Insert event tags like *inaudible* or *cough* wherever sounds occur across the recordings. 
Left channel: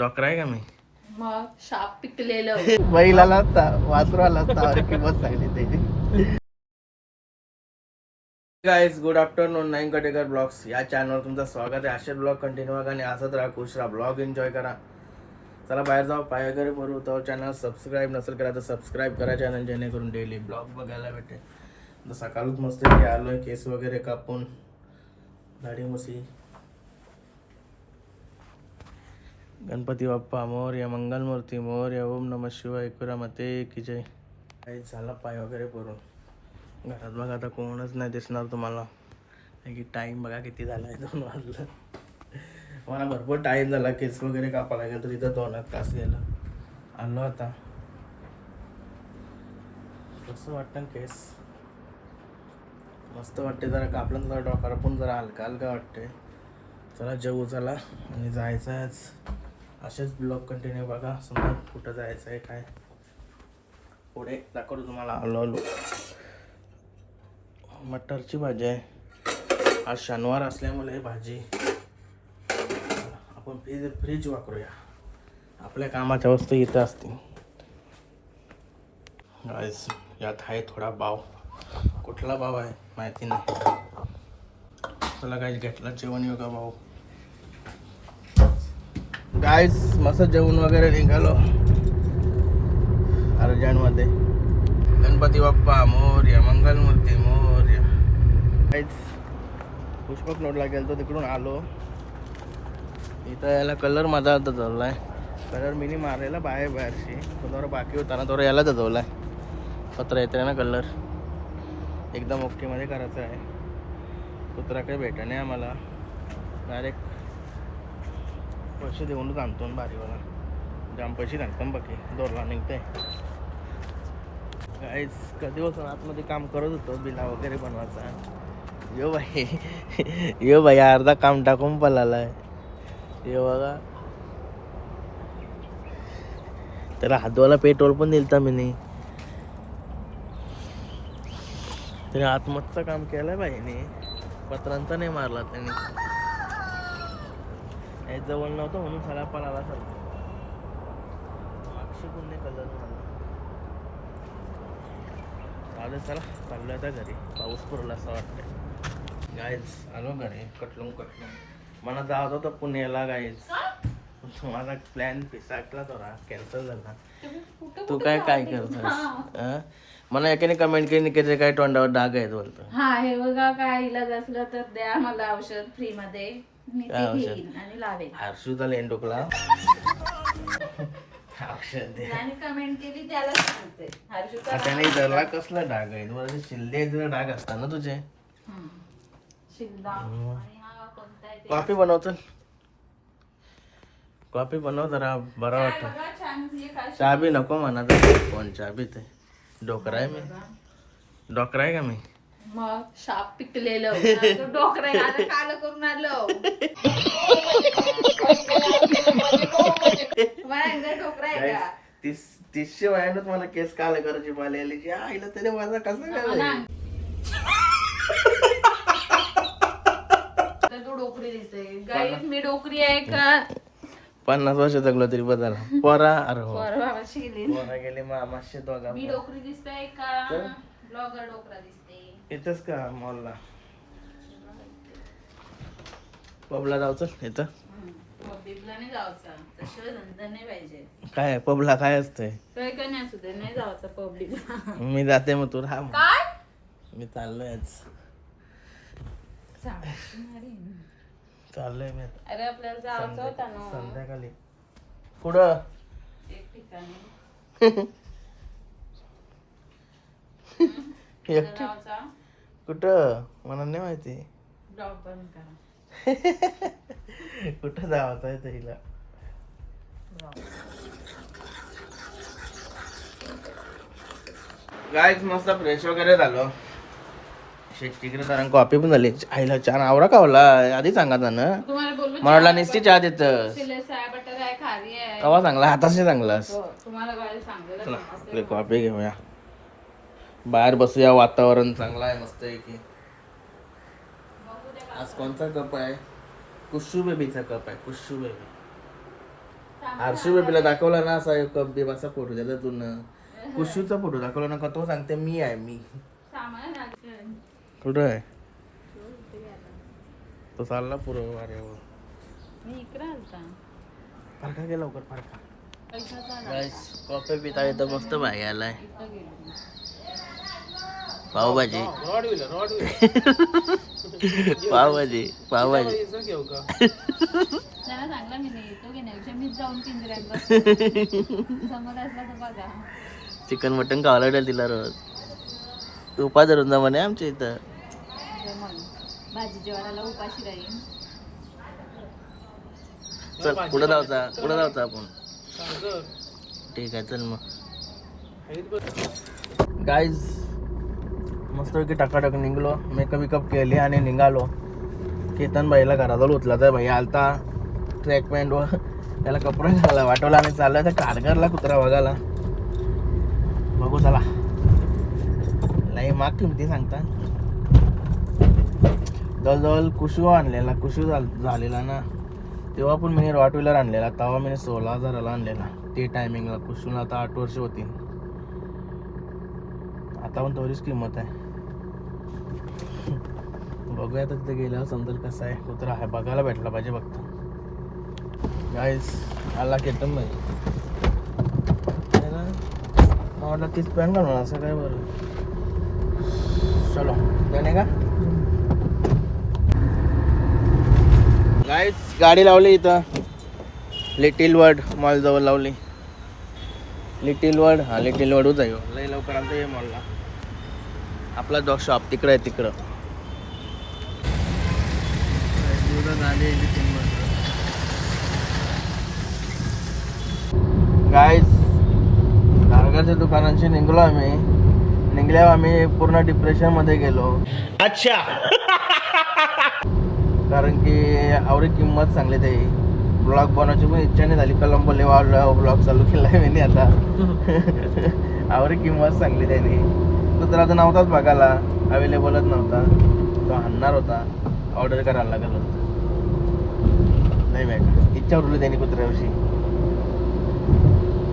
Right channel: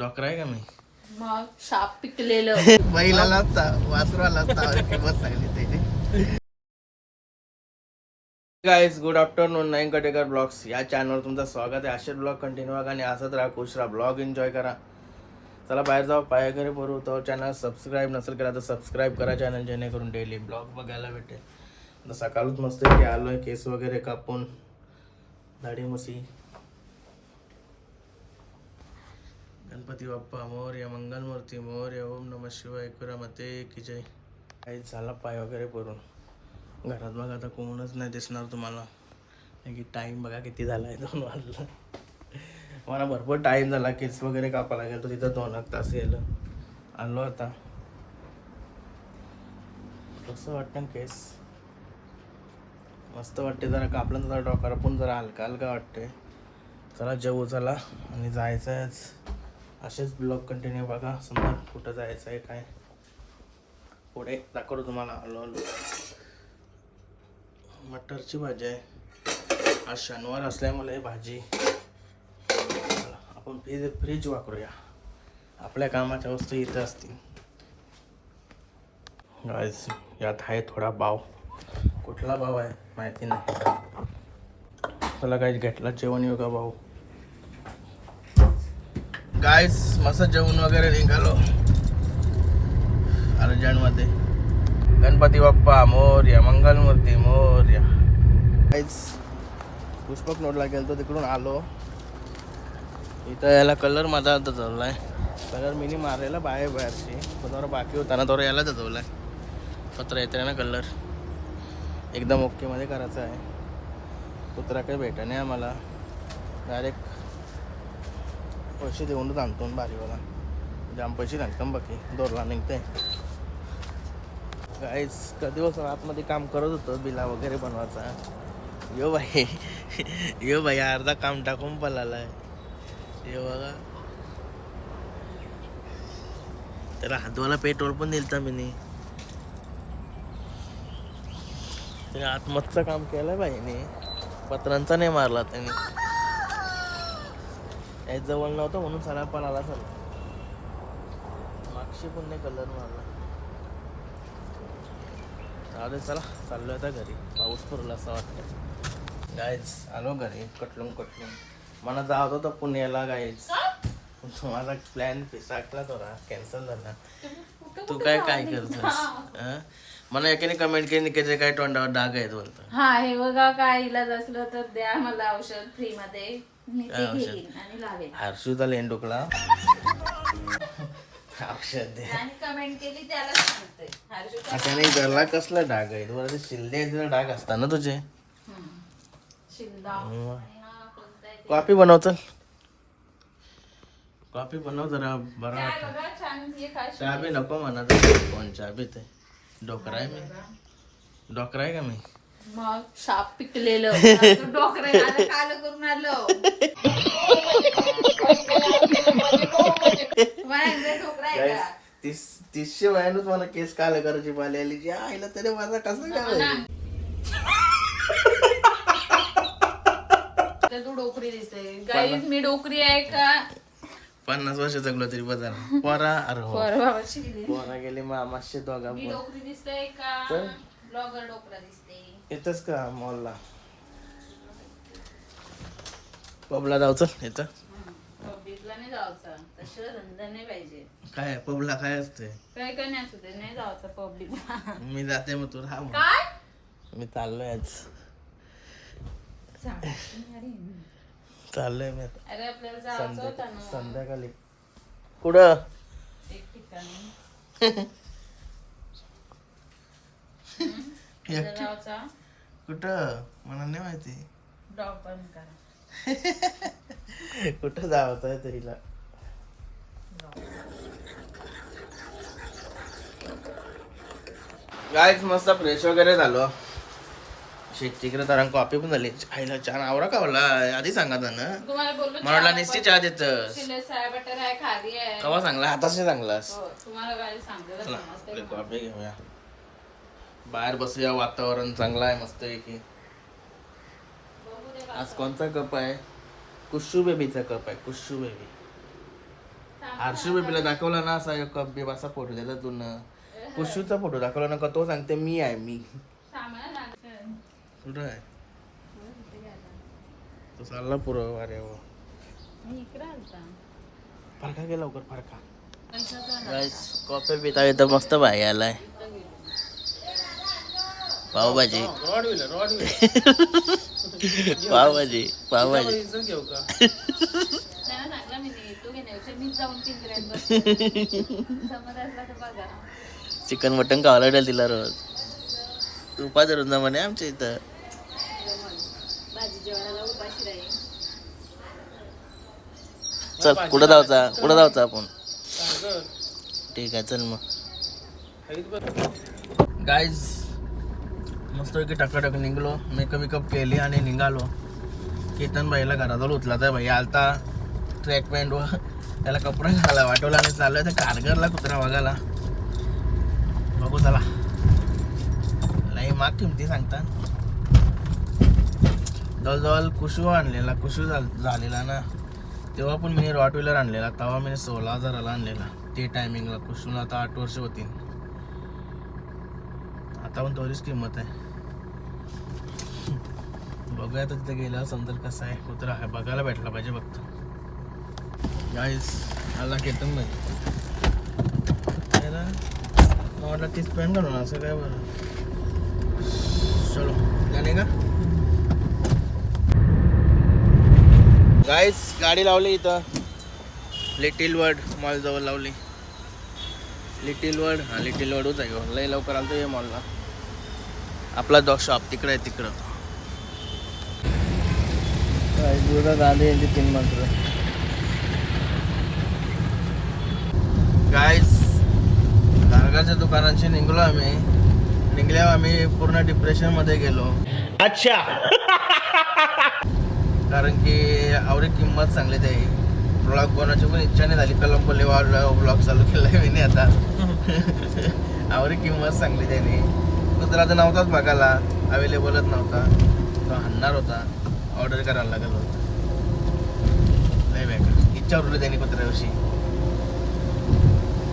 Doctor आहे का मी मग साप पिकलेलं. बैलाला वासराला किंमत सांगली गाईज गुड आफ्टरनून नाईन कटेकर ब्लॉग्स या चॅनलवर तुमचं स्वागत आहे. असे ब्लॉग कंटिन्यू करा आणि असंच राहा खुश राहा. ब्लॉग एन्जॉय करा. चला बाहेर जाऊ पाय वगैरे भरू तो चॅनल सबस्क्राईब नसेल केला तर सबस्क्राईब करा चॅनल जेणेकरून डेली ब्लॉग बघायला भेटेल. तर सकाळच मस्त की आलोय केस वगैरे कापून. दाढी मुसी. गणपती बाप्पा मोर्या मंगलमूर्ती मोर्या ओम नम शिवाय एकुरा मते की जय. काही झाला पाय वगैरे करून घरात बघा आता कोणच नाही दिसणार तुम्हाला. कारण की टाईम बघा किती झाला आहे दोन वाजला. मला भरपूर टाईम झाला केस वगैरे कापायला गेलो तिथं दोन एक तास गेलं. आलो आता. कसं वाटतं केस मस्त वाटते जरा कापलं जरा डॉकर पण जरा हलका हलका वाटते चला जेवू चला आणि जायचं आहे आज असेच ब्लॉग कंटिन्यू बघा. समजा कुठं जायचं आहे काय. पुढे दाखवतो तुम्हाला. आलो आलो मटरची भाजी आहे. आज शनिवार असल्यामुळे भाजी. आपण फ्रीज फ्रीज वापरूया. आपल्या कामाच्या वस्तू इथं असतील. गाईस यात आहे थोडा भाव. कुठला भाव आहे? माहिती नाही. चला काय घेतला जेवण योगा भाऊ. गायस मस्त जेवण वगैरे निघालो. अर्जंटमध्ये. गणपती बाप्पा मोर्या मंगलमूर्ती मोर्या. गायस पुष्पक नोडला गेलो तिकडून आलो. इथं याला कलर माझा आता चाललाय कलर मीनी मारायला बाहेर बाहेरशी पण बाकी होता ना थोडं याला आहे पत्रा येते ना कलर एकदम ओकेमध्ये करायचं आहे. कुत्रा काही भेटा नाही आम्हाला. डायरेक्ट पैसे देऊनच आणतो ना भारीवाला जाम पैसे लागतात बाकी दोरला निघते काहीच कधी बसून आतमध्ये काम करत होतं बिला वगैरे बनवायचा. यो बाई यो बाई अर्धा काम टाकून पळालाय. यो बघा. त्याला हातवाला पेट्रोल पण दिलता मी नाही त्याने आत्महत्याचं काम केलंय बाईने. पत्रांचा नाही मारला त्याने. काही जवळ नव्हतं म्हणून सला पळाला सर मागशी पण नाही कलर मारला. चालेल चला. चाललोय आता घरी. पाऊस पडला असं वाटतंय. गायज आलो घरी. कटलून कटलून. मला जावं होतं पुण्याला गायज माझा प्लॅन पिसाकला थोडा. कॅन्सल झाला. तू काय काय करतोस? मला एकाने कमेंट केली की ते काय तोंडावर डाग आहेत बोलतो. हा हे बघा काय इलाज असलं तर द्या मला औषध फ्री मध्ये मी काय ते औषध? आणि हर्षूचा लेंडुकला औषध दे. आणि कमेंट केली त्याला सांगते. आता नाही कसला डाग आहे? तुम्हाला शिल्ले डाग असतात ना तुझे. शिल्ला हा? कॉफी बनव चल कॉफी बनव जरा बरा वाटत. चहा बी नको म्हणा कोण चहा बी ते डोकरा आहे मी. डोकरा आहे का मी? मग साप पिकलेलं डोकरं आहे. आता काल करून आलो. तुम्हाला एकदा डोकरं आहे Guys, का? तीस तीसशे मला केस काल करायची पाली आली. जी आईला तरी माझा कसं. तर तू डोकरी दिसते. गाईज मी डोकरी आहे का? पन्नास वर्ष जगलो तरी बदल. पोरा अरे हो. पोरा गेले. मामाशे दोघा मी डोकरी दिसते का? ब्लॉगर डोकरा दिसते. इथंच का मॉलला? पबला जाऊचं इथं काय पबला काय असतंय? काय काय नाही असू दे नाही जायचं पब्लिकला. मी जाते मग तू राहा मी चाललोय आज. चाललोय मी आता. अरे आपल्याला जायचं होतं संध्याकाळी ना. संध्याकाळी. कुठं? एक ठिकाणी. *laughs* कुठं? मला नाही माहिती. डॉग बंद करा. *laughs* कुठं जावं आहे तरीला गायच मस्त फ्रेश वगैरे झालो. शेतीकडे तर कॉफी पण झाली. आईला छान आवरा कावला आधी सांगा ना तुम्हाला बोललो मला नुसती चहा आहे कवा चांगला हाताशी चांगलास हो, चला कॉफी घेऊया. बाहेर बसूया वातावरण चांगलं आहे मस्त आहे की. आज कोणता कप आहे? कुशू बेबीचा कप आहे कुशू बेबी. हर्षू बेबीला दाखवला ना असा कप असा फोटो त्याला तू कुशूचा फोटो दाखवला ना का तो सांगते मी आहे मी. कुठं आहे? तो चालला पुरं अरे वा मी इकडे आलता फरका गेला लवकर फरका. कॉफी पिता इथं मस्त भाई आलाय. पावभाजी. *laughs* पावभाजी पावभाजी. *laughs* बघा. चिकन मटन लागेल तिला रोज. तू जा म्हणे आमच्या इथं. जमल भाजी जेवायला उपाशी राहील चल कुठं जायचा कुठं जायचं आपण ठीक आहे चल मग. गाईज मस्तपैकी टकाटक निघलो. मेकअप विकअप केले आणि निघालो. केतन भाईला घराजवळ उचला तर भाई. आलता ट्रॅक पॅन्ट व त्याला कपडे घाला वाटवला आणि चाललोय त्या कारगरला कुत्रा बघायला. बघू चला. माग किमती सांगता जवळजवळ कुशू आणलेला कुशू झाल- झालेला ना. तेव्हा पण मी रॉट व्हीलर आणलेला तेव्हा मी सोळा हजाराला आणलेला. ते टायमिंगला कुशून आता आठ वर्ष होती आता पण तेवढीच किंमत आहे. बघूया तर तिथे गेल्यावर समजेल कसं आहे. कुत्रा आहे बघायला भेटला पाहिजे फक्त. गाईस आला केतन भाई मला तीच पॅन काढणार असं काय बरं? चलो जाणे का? गाईस गाडी लावली इथं. लिटिल वर्ड मॉल जवळ लावली. लिटिल वर्ड हा लिटिल वर्ड आहे येऊ लई लवकर आलतो ये मॉलला आपला जो शॉप तिकडं आहे तिकडं. गाडी तीन मात्र गाईस कारगाच्या दुकानांशी निघलो आम्ही. निघल्यावर आम्ही पूर्ण डिप्रेशनमध्ये गेलो. कारण की आवडी किंमत चांगली ते ब्लॉग बनवायची पण इच्छा नाही झाली. कलंबोले ब्लॉग चालू केलाय मी आता. *laughs* आवडी किंमत चांगली त्यांनी दुसरा तर नव्हताच बघायला. अवेलेबलच नव्हता. तो आणणार होता. ऑर्डर करायला लागला नाही बाय का इच्छा उरली त्यांनी कुत्र्याविषयी.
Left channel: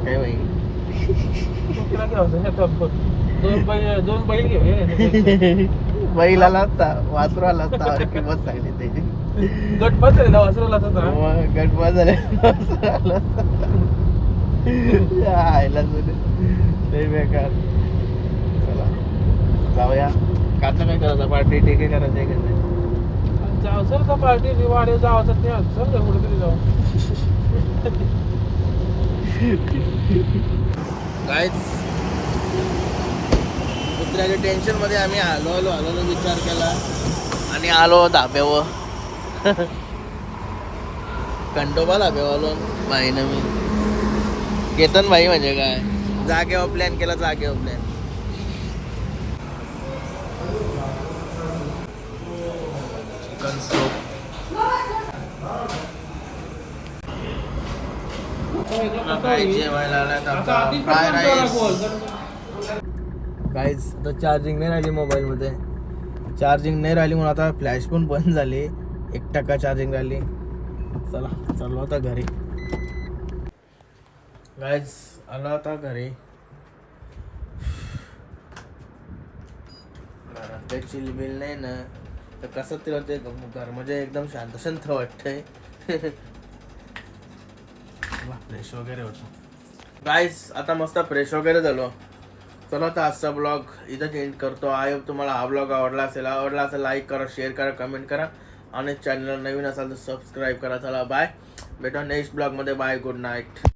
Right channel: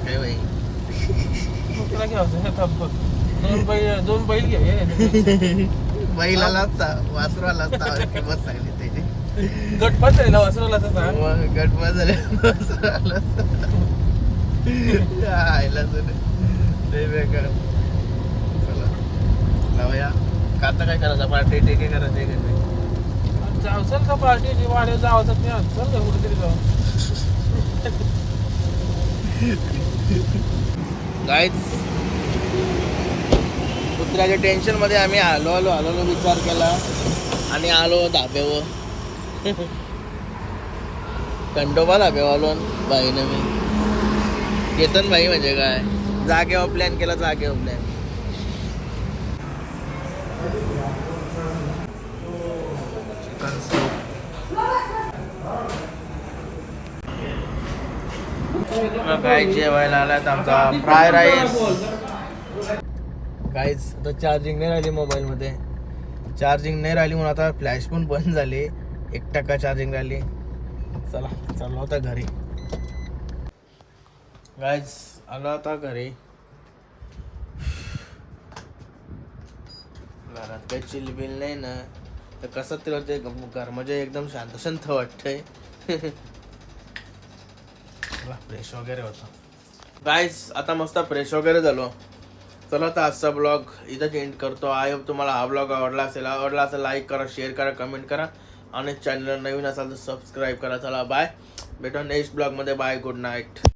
काय बाई? *laughs* दोन बैल घे बैलाला असता वासराला असता *laughs* आवडी किंमत सांगली त्यांनी गटपात आहे ना वासरूला तसं मग गटमा झाले आयला सर लय बेकार. चला जाऊया. काता काय करायचं? पार्टी टेके करायचं आहे का नाही? जाऊ सर का पार्टी? वाढीव जावाचं ते चल कुठेतरी जाऊ? *laughs* काहीच कुत्र्याच्या टेन्शनमध्ये आम्ही आलो आलो आलो आलो विचार केला. आणि आलो धाब्यावर. *laughs* कंटोबा धाब्यावर आलो. बाईनं मी केतन भाई म्हणजे काय? जागेवर प्लॅन केला जागेवर प्लॅन चिकन सूप काय जेवायला आलात आमचा फ्राय राईस काहीच आता चार्जिंग नाही राहिली मोबाईलमध्ये चार्जिंग नाही राहिली म्हणून आता फ्लॅश पण बंद झाली. एक टक्का चार्जिंग राहिली? चला चाललो आता घरी. गायज आलो आता घरी. घरात काही चिलबिल नाही ना. तर कसं तरी ते घर म्हणजे एकदम शांत शांत वाटतंय. *laughs* फ्रेश वगैरे होतो. गाईज आता मस्त फ्रेश वगैरे झालो. चला तर आजचा ब्लॉग इथंच एंड करतो. आय होप तुम्हाला हा ब्लॉग आवडला असेल. आवडला असेल लाईक करा शेअर करा कमेंट करा. आणि चॅनल नवीन असाल तर सबस्क्राईब करा. चला बाय भेटा नेक्स्ट ब्लॉगमध्ये बाय गुड नाईट